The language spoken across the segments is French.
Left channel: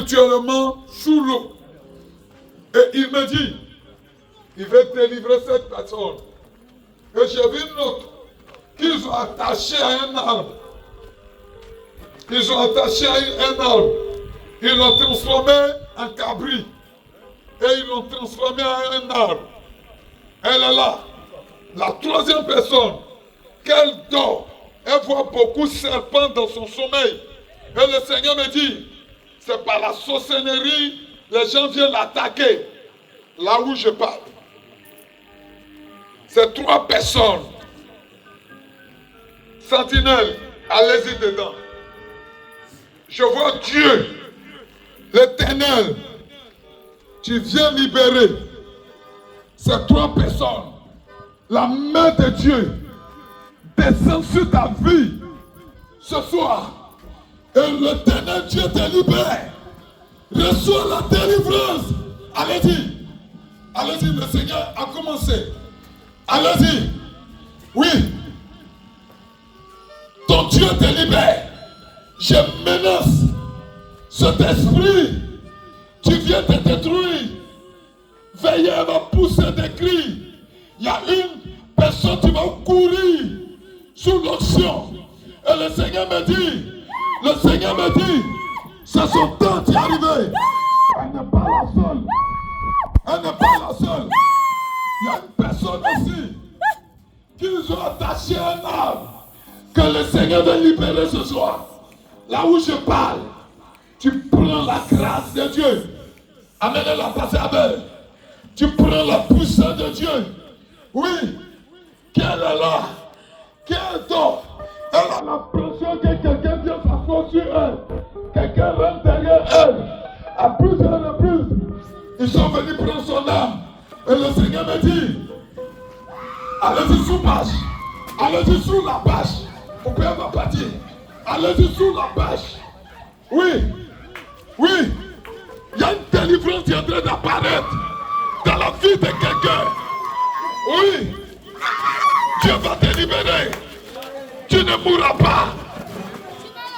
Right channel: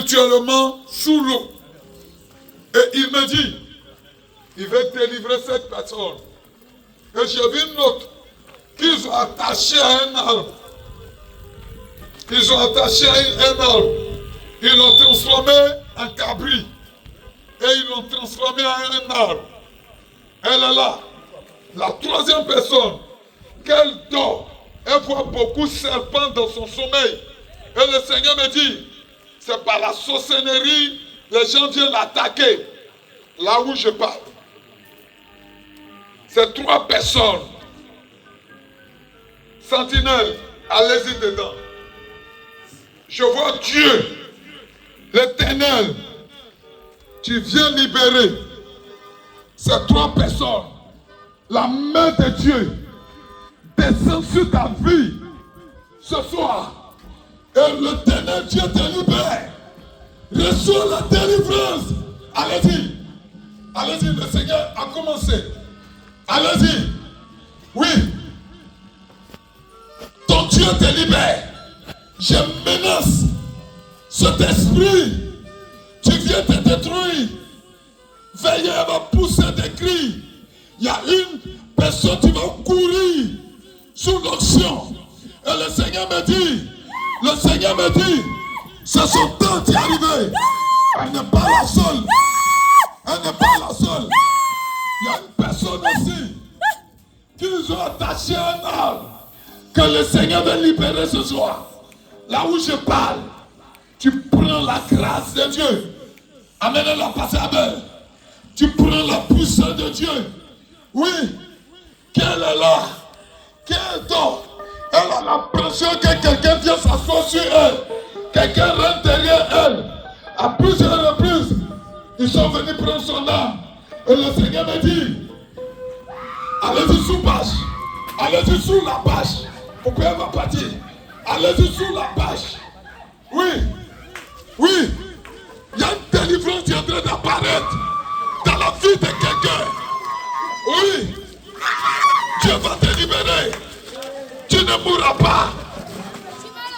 spirituellement sous l'eau. Et il me dit, il va délivrer cette personne. Et j'ai vu une autre qu'ils ont attaché à un arbre. Ils ont attaché à un arbre. Ils l'ont transformé en cabri. Et ils l'ont transformé en un arbre. Elle est là. La troisième personne, qu'elle dort, elle voit beaucoup de serpents dans son sommeil. Et le Seigneur me dit, c'est par la sorcellerie, les gens viennent l'attaquer. Là où je parle. C'est 3 personnes. Sentinelle, allez-y dedans. Je vois Dieu, l'Éternel. Tu viens libérer ces 3 personnes. La main de Dieu descend sur ta vie ce soir. Et l'Éternel Dieu te libère. Reçois la délivrance. Allez-y. Allez-y, le Seigneur a commencé. Allez-y. Oui. Ton Dieu te libère. Je menace cet esprit. Tu viens te détruire. Veillez à me pousser des cris. Il y a une personne qui va courir sous l'onction. Et le Seigneur me dit, c'est son temps qui est arrivé. Elle n'est pas la seule. Elle n'est pas la seule. Il y a une personne aussi qu'ils ont attaché un arbre que le Seigneur veut libérer ce soir. Là où je parle, tu prends la grâce de Dieu. Amenez-la passer à Abel. Tu prends la puissance de Dieu. Oui, qu'elle est là, qu'elle dort. Elle a l'impression que quelqu'un vient s'asseoir sur elle. Quelqu'un rentre derrière elle. À plusieurs reprises, ils sont venus prendre son âme. Et le Seigneur me dit, allez-y sous bâche. Allez-y sous la bâche. Vous pouvez me partir. Allez-y sous la bâche. Oui, oui. Il y a une délivrance qui est en train d'apparaître dans la vie de quelqu'un. Oui. Dieu va te libérer. Tu ne mourras pas.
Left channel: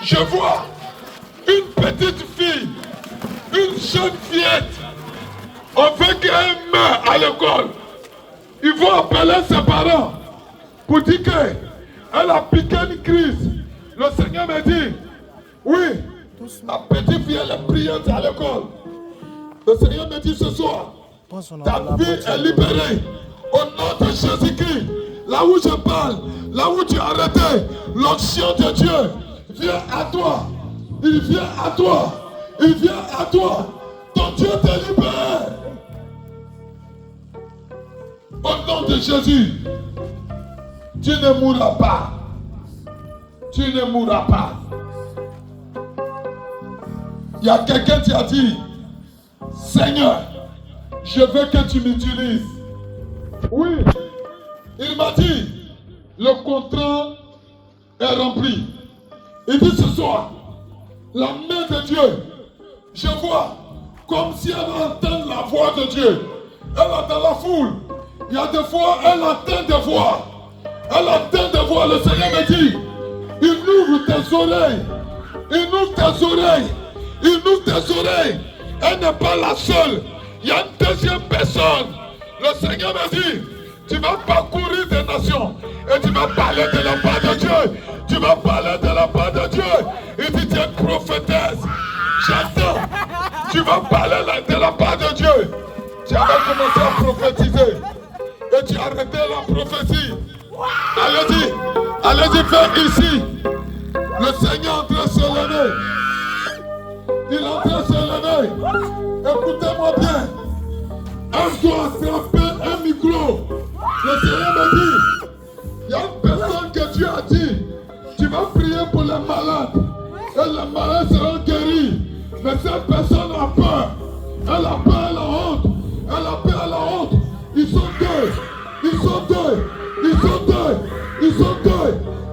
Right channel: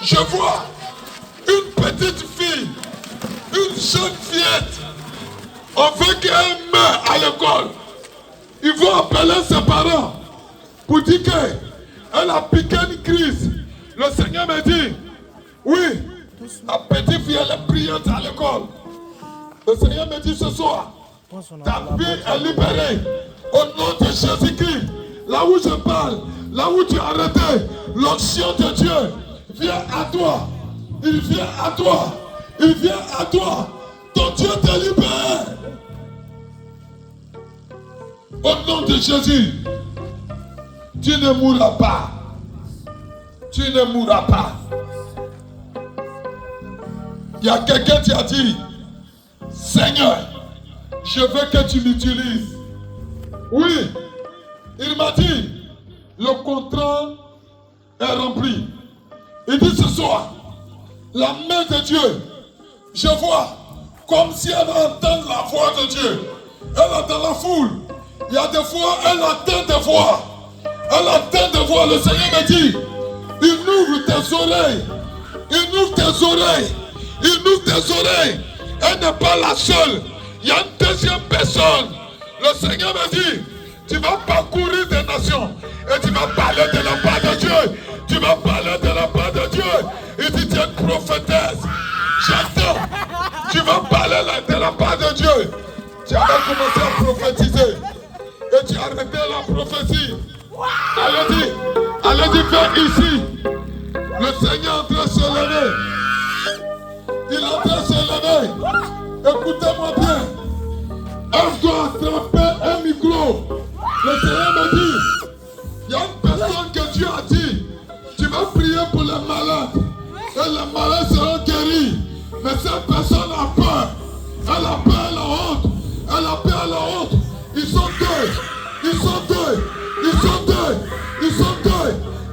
Je vois une petite fille, une jeune fillette. On veut qu'elle meure à l'école. Ils vont appeler ses parents pour dire qu'elle a piqué une crise. Le Seigneur me dit, oui, la petite fille elle est brillante à l'école. Le Seigneur me dit ce soir, ta vie est libérée au nom de Jésus-Christ. Là où je parle, là où tu as arrêté, l'onction de Dieu vient à toi. Il vient à toi. Il vient à toi. Ton Dieu te libère. Au nom de Jésus, tu ne mourras pas. Tu ne mourras pas. Il y a quelqu'un qui a dit, Seigneur, je veux que tu m'utilises. Oui, il m'a dit, le contrat est rempli. Il dit ce soir, la main de Dieu, je vois comme si elle entend la voix de Dieu. Elle est dans la foule. Il y a des fois, elle entend des voix. Elle entend des voix. Le Seigneur me dit, il ouvre tes oreilles. Il ouvre tes oreilles. Il ouvre tes oreilles. Elle n'est pas la seule. Il y a une deuxième personne. Le Seigneur me dit, tu vas parcourir des nations et tu vas parler de la part de Dieu. Tu vas parler de la part de Dieu. Il dit, tu es une prophétesse. J'attends. Tu vas parler de la part de Dieu. Tu vas commencer à prophétiser. Et tu as arrêté la prophétie. Allez-y, faites ici. Le Seigneur est en train de se lever. Il est en train de se lever. Écoutez-moi bien. Elle doit attraper un micro. Le Seigneur me dit, il y a une personne que Dieu a dit, tu vas prier pour les malades. Et les malades seront guéris. Mais cette personne a peur. Elle a peur, elle a honte. Elle a peur, elle a honte. Ils sont deux. Ils sont deux. Ils sont deux. Ils sont deux.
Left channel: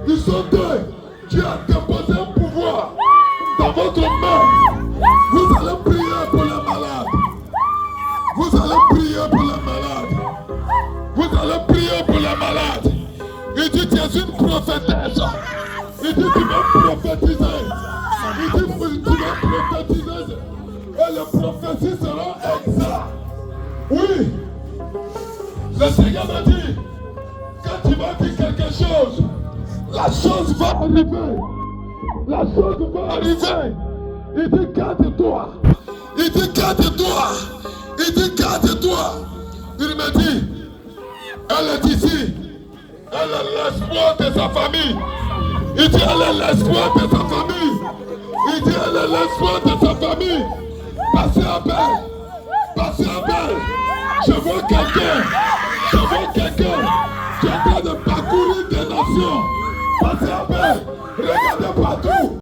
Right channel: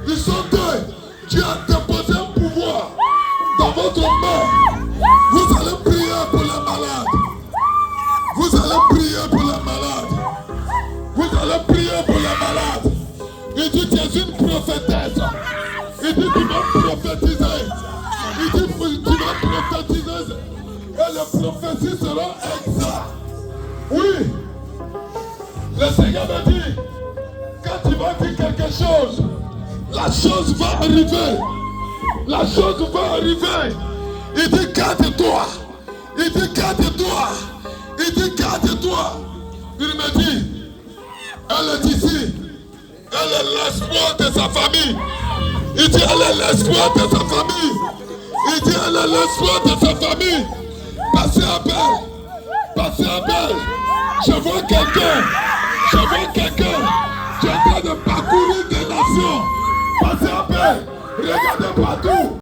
Ils sont deux. Dieu a déposé un pouvoir dans votre main. Vous allez prier pour les malades. Vous allez prier pour les malades. Vous allez prier pour les malades. Il dit, tu es une prophétesse. Il dit, tu vas prophétiser. Il dit, tu vas prophétiser Et les prophéties seront exactes. Oui. Le Seigneur me dit, quand tu vas dire quelque chose, la chose va arriver. La chose va arriver. Il dit garde-toi. Il dit garde-toi. Il dit garde-toi. Il me dit, elle est ici. Elle est l'espoir de sa famille. Il dit elle est l'espoir de sa famille. Il dit elle est l'espoir de sa famille. Passez à belle. Passez à belle. Je vois quelqu'un. Je vois quelqu'un qui est en train de parcourir des nations. Passez à belle. Regardez partout.